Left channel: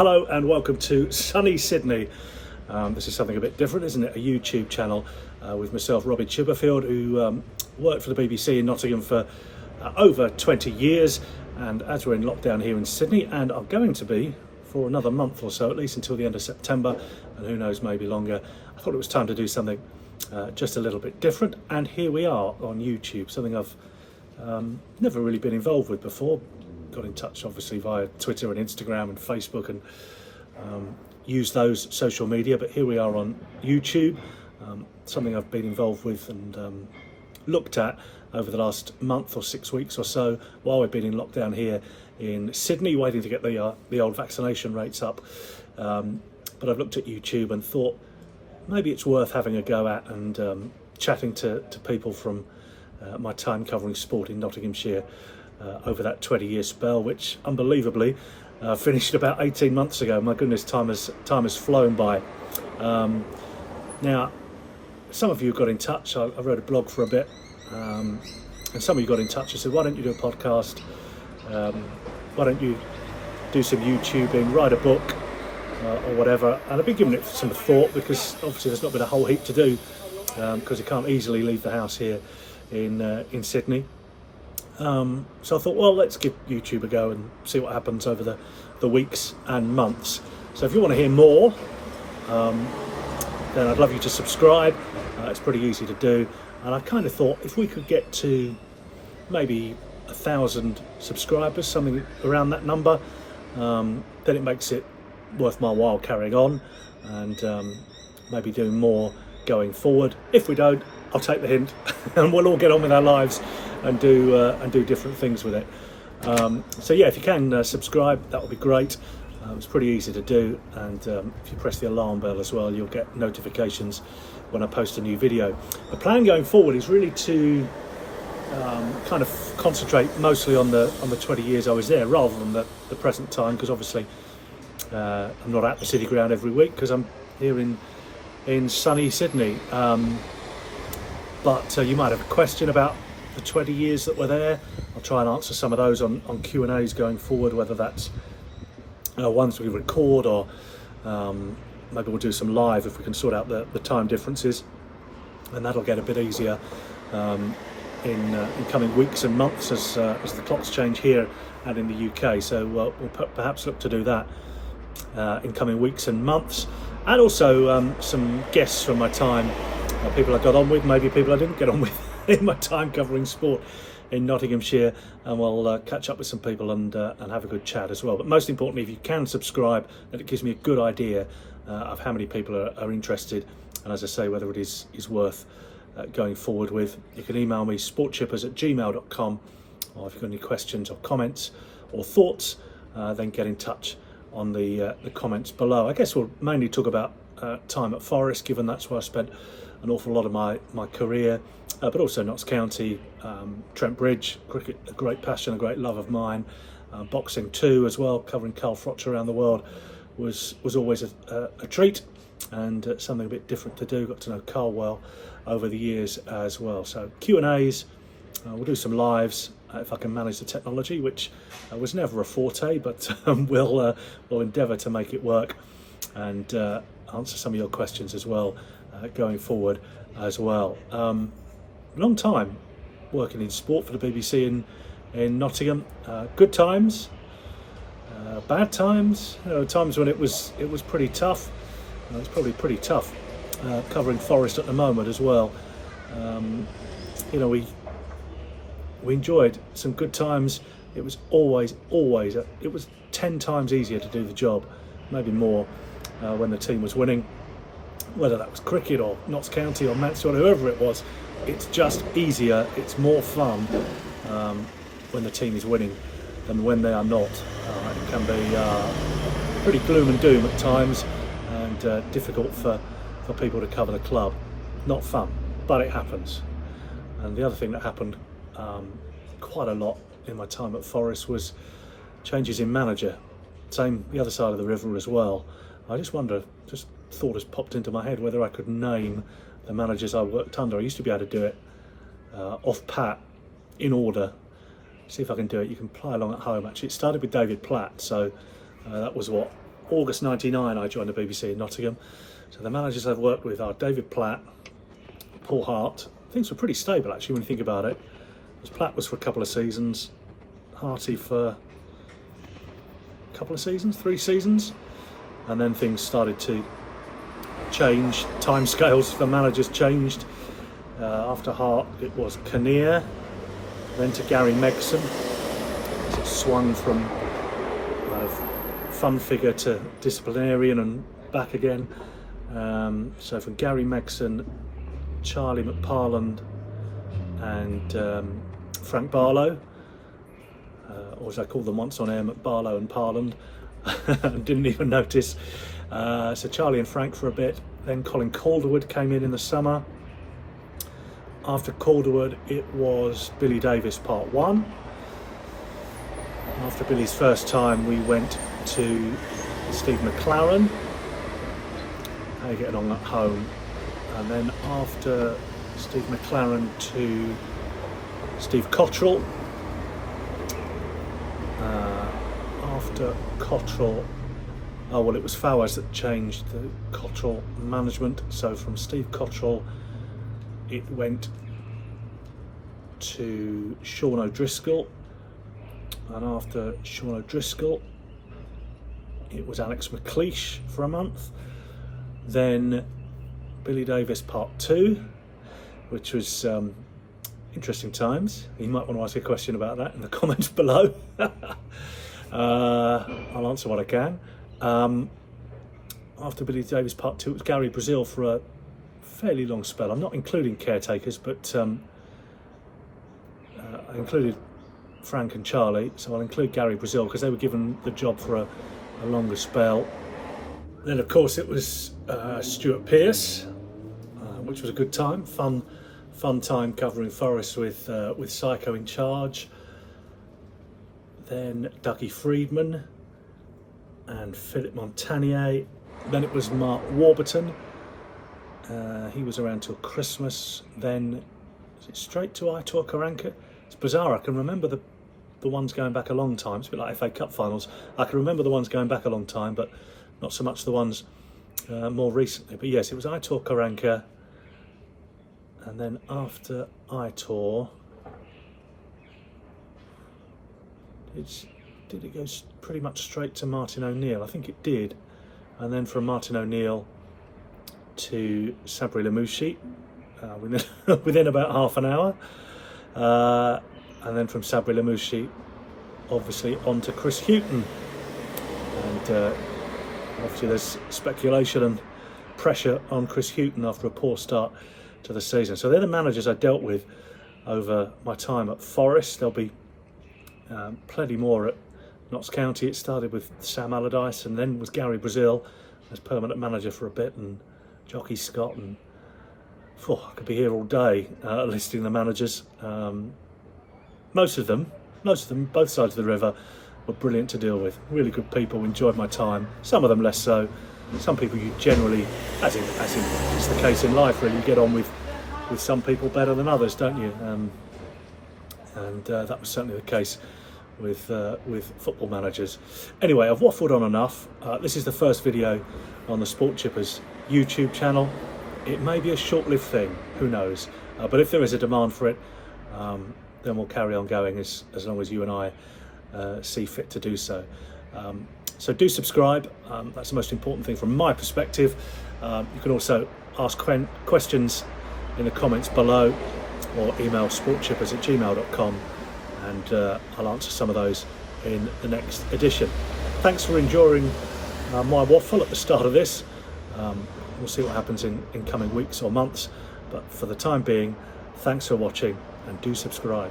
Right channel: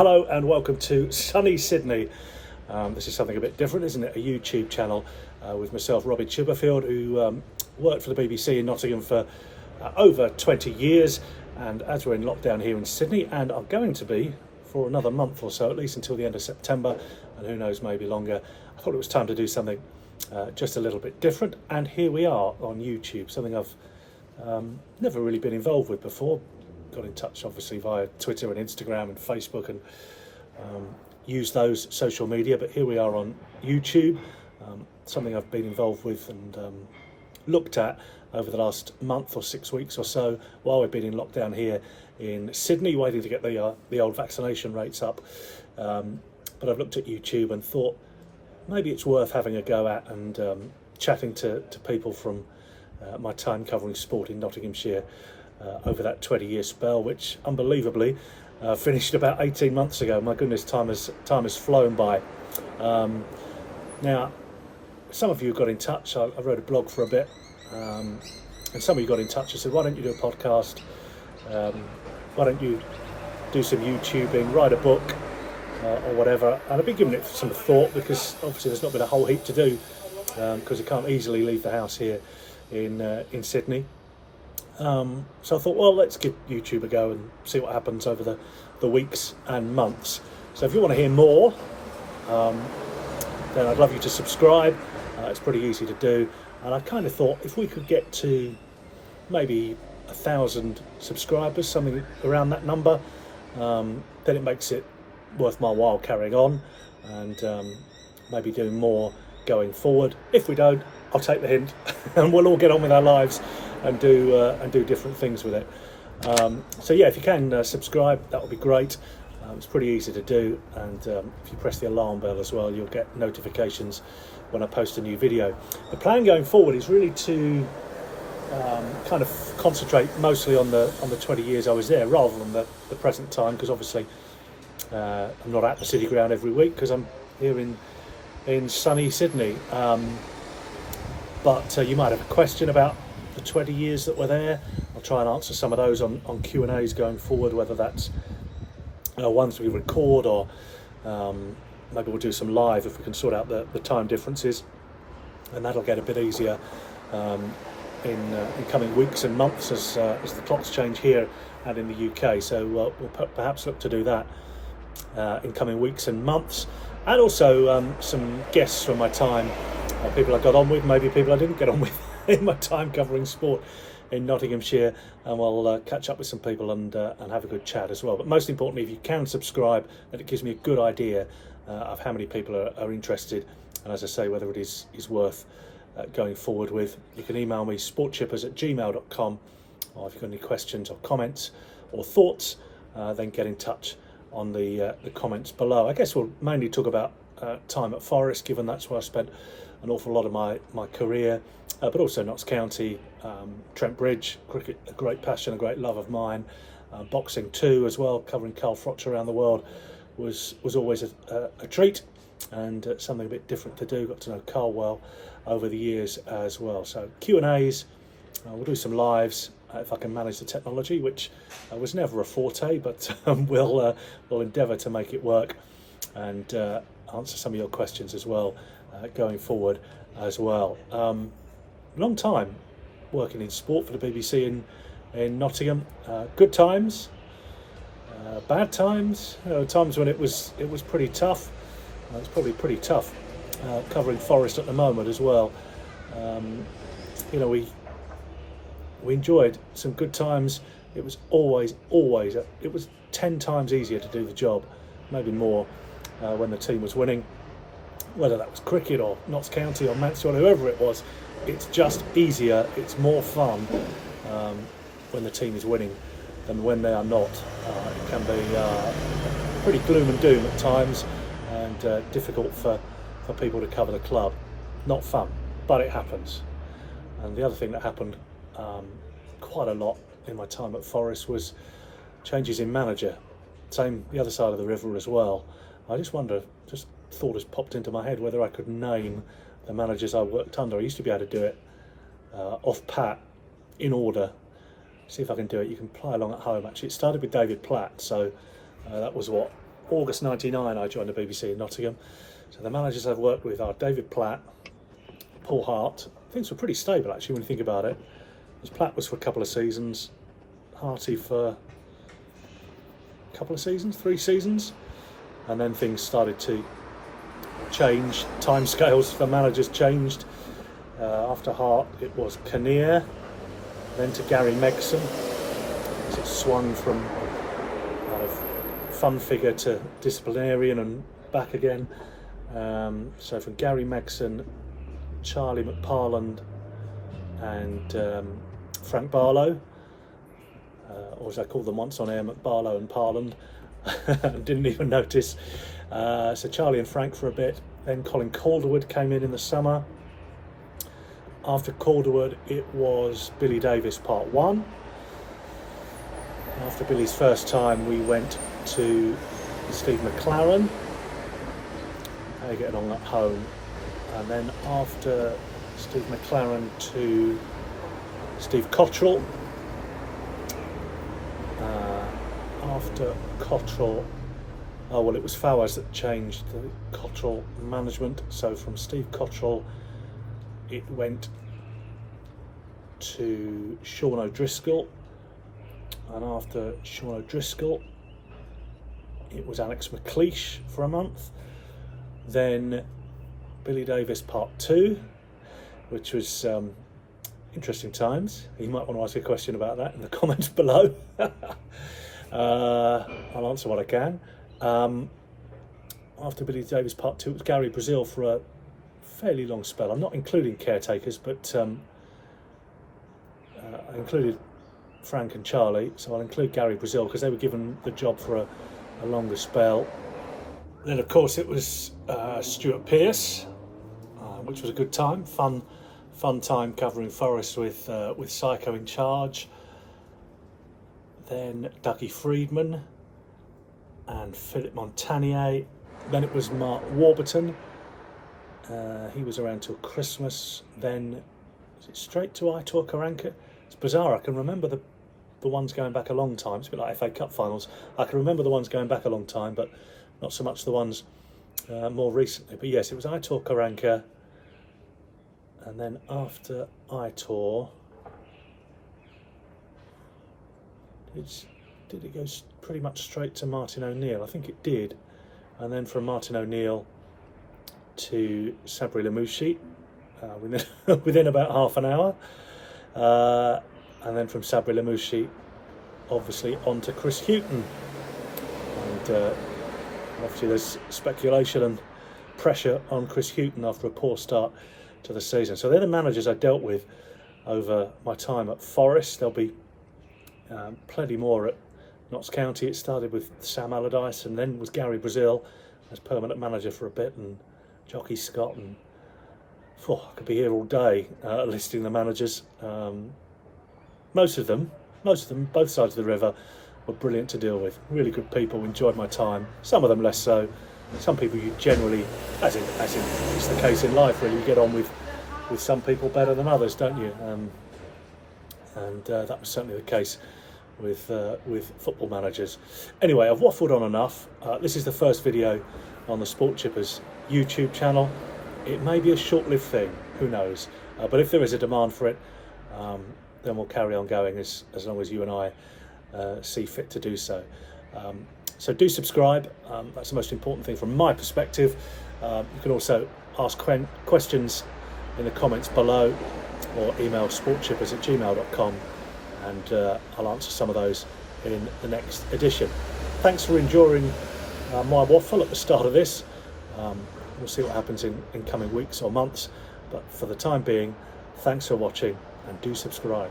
Hello and welcome to sunny Sydney. This is something a bit different, isn't it? A YouTube channel with myself, Robbie Chipperfield, who worked for the BBC in Nottingham for over 20 years. And as we're in lockdown here in Sydney, and I'm going to be for another month or so, at least until the end of September, and who knows, maybe longer, I thought it was time to do something just a little bit different. And here we are on YouTube, something I've never really been involved with before. Got in touch obviously via Twitter and Instagram and Facebook and used those social media, but here we are on YouTube, something I've been involved with and looked at over the last month or 6 weeks or so while we've been in lockdown here in Sydney, waiting to get the old vaccination rates up. But I've looked at YouTube and thought maybe it's worth having a go at and chatting to people from my time covering sport in Nottinghamshire over that 20-year spell, which unbelievably finished about 18 months ago. My goodness, time has flown by. Now, some of you got in touch. I wrote a blog for a bit, and some of you got in touch and said, why don't you do a podcast? Why don't you do some YouTubing, write a book, or whatever? And I've been giving it some thought, because obviously there's not been a whole heap to do, because you can't easily leave the house here in Sydney. So I thought, well, let's give YouTube a go and see what happens over the weeks and months. So if you want to hear more, then I'd love you to subscribe. It's pretty easy to do. And I kind of thought if we could get to maybe 1,000 subscribers, something around that number, then it makes it worth my while carrying on and maybe doing more going forward. If we don't, I'll take the hint and we'll all get on with our lives and do different things with it. So yeah, if you can subscribe, that would be great. It's pretty easy to do, and if you press the alarm bell as well, you'll get notifications when I post a new video. The plan going forward is really to kind of concentrate mostly on the 20 years I was there, rather than the present time, because obviously I'm not at the City Ground every week because I'm here in sunny Sydney. But you might have a question about the 20 years that were there. I'll try and answer some of those on Q&As going forward, whether that's ones we record or maybe we'll do some live if we can sort out the time differences, and that'll get a bit easier in coming weeks and months as the clocks change here and in the UK. So we'll perhaps look to do that in coming weeks and months, and also some guests from my time, people I got on with, maybe people I didn't get on with in my time covering sport in Nottinghamshire, and we'll catch up with some people and have a good chat as well. But most importantly, if you can subscribe, then it gives me a good idea of how many people are interested, and as I say, whether it is worth going forward with. You can email me sportchippers@gmail.com, or if you've got any questions or comments or thoughts, then get in touch on the comments below. I guess we'll mainly talk about time at Forest, given that's where I spent an awful lot of my career, but also Notts County, Trent Bridge, cricket, a great passion, a great love of mine, boxing too as well. Covering Carl Froch around the world was always a treat, and something a bit different to do. Got to know Carl well over the years as well. So Q&As, we'll do some lives if I can manage the technology, which was never a forte, but we'll endeavour to make it work, and answer some of your questions as well going forward as well. Long time working in sport for the BBC in Nottingham. Good times, bad times. There were times when it was pretty tough. It's probably pretty tough covering Forest at the moment as well. We enjoyed some good times. It was always it was 10 times easier to do the job, maybe more, when the team was winning. Whether that was cricket or Notts County or Mansfield, whoever it was, it's just easier, it's more fun when the team is winning than when they are not. It can be pretty gloom and doom at times, and difficult for people to cover the club. Not fun, but it happens. And the other thing that happened quite a lot in my time at Forest was changes in manager. Same the other side of the river as well. I just wonder, just thought has popped into my head, whether I could name the managers I worked under. I used to be able to do it off pat, in order. See if I can do it. You can play along at home. Actually, it started with David Platt, so that was what, August 99 I joined the BBC in Nottingham. So the managers I've worked with are David Platt, Paul Hart. Things were pretty stable actually when you think about it. Platt was for a couple of seasons, Harty for a couple of seasons, 3 seasons, and then things started to change. Timescales for managers changed. After Hart it was Kinnear, then to Gary Megson. It swung from fun figure to disciplinarian and back again. So from Gary Megson, Charlie McParland and Frank Barlow, or as I called them once on air, McBarlow and Parland. Didn't even notice. So Charlie and Frank for a bit. Then Colin Calderwood came in the summer. After Calderwood it was Billy Davies part 1. After Billy's first time we went to Steve McClaren. How are you getting on at home? And then after Steve McClaren to Steve Cottrell. After Cottrell, oh well, it was Fowers that changed the Cottrell management. So from Steve Cottrell it went to Sean O'Driscoll, and after Sean O'Driscoll it was Alex McLeish for a month. Then Billy Davies part 2, which was interesting times. You might want to ask a question about that in the comments below. I'll answer what I can. After Billy Davies part 2 it was Gary Brazil for a fairly long spell. I'm not including caretakers, but I included Frank and Charlie, so I'll include Gary Brazil because they were given the job for a longer spell. Then of course it was Stuart Pearce, which was a good time, fun time covering Forest with Psycho in charge. Then Dougie Freedman and Philip Montagnier. Then it was Mark Warburton. He was around till Christmas. Then is it straight to Aitor Karanka? It's bizarre. I can remember the ones going back a long time. It's a bit like FA Cup finals. I can remember the ones going back a long time, but not so much the ones more recently. But yes, it was Aitor Karanka. And then after Aitor, did it go pretty much straight to Martin O'Neill? I think it did. And then from Martin O'Neill to Sabri Lamouchi within about half an hour. And then from Sabri Lamouchi, obviously, on to Chris Hughton. And obviously there's speculation and pressure on Chris Hughton after a poor start to the season. So they're the managers I dealt with over my time at Forest. There'll be plenty more at Notts County. It started with Sam Allardyce and then was Gary Brazil as permanent manager for a bit, and Jockey Scott, and I could be here all day listing the managers. Most of them, both sides of the river, were brilliant to deal with. Really good people, enjoyed my time. Some of them less so. Some people you generally, as in it's the case in life really, you get on with some people better than others, don't you? And that was certainly the case with football managers. Anyway, I've waffled on enough. This is the first video on the Sport Chippers YouTube channel. It may be a short-lived thing, who knows? But if there is a demand for it, then we'll carry on going as long as you and I see fit to do so. So do subscribe. That's the most important thing from my perspective. You can also ask questions in the comments below, or email sportchippers@gmail.com, and I'll answer some of those in the next edition. Thanks for enduring my waffle at the start of this. We'll see what happens in coming weeks or months, but for the time being, thanks for watching and do subscribe.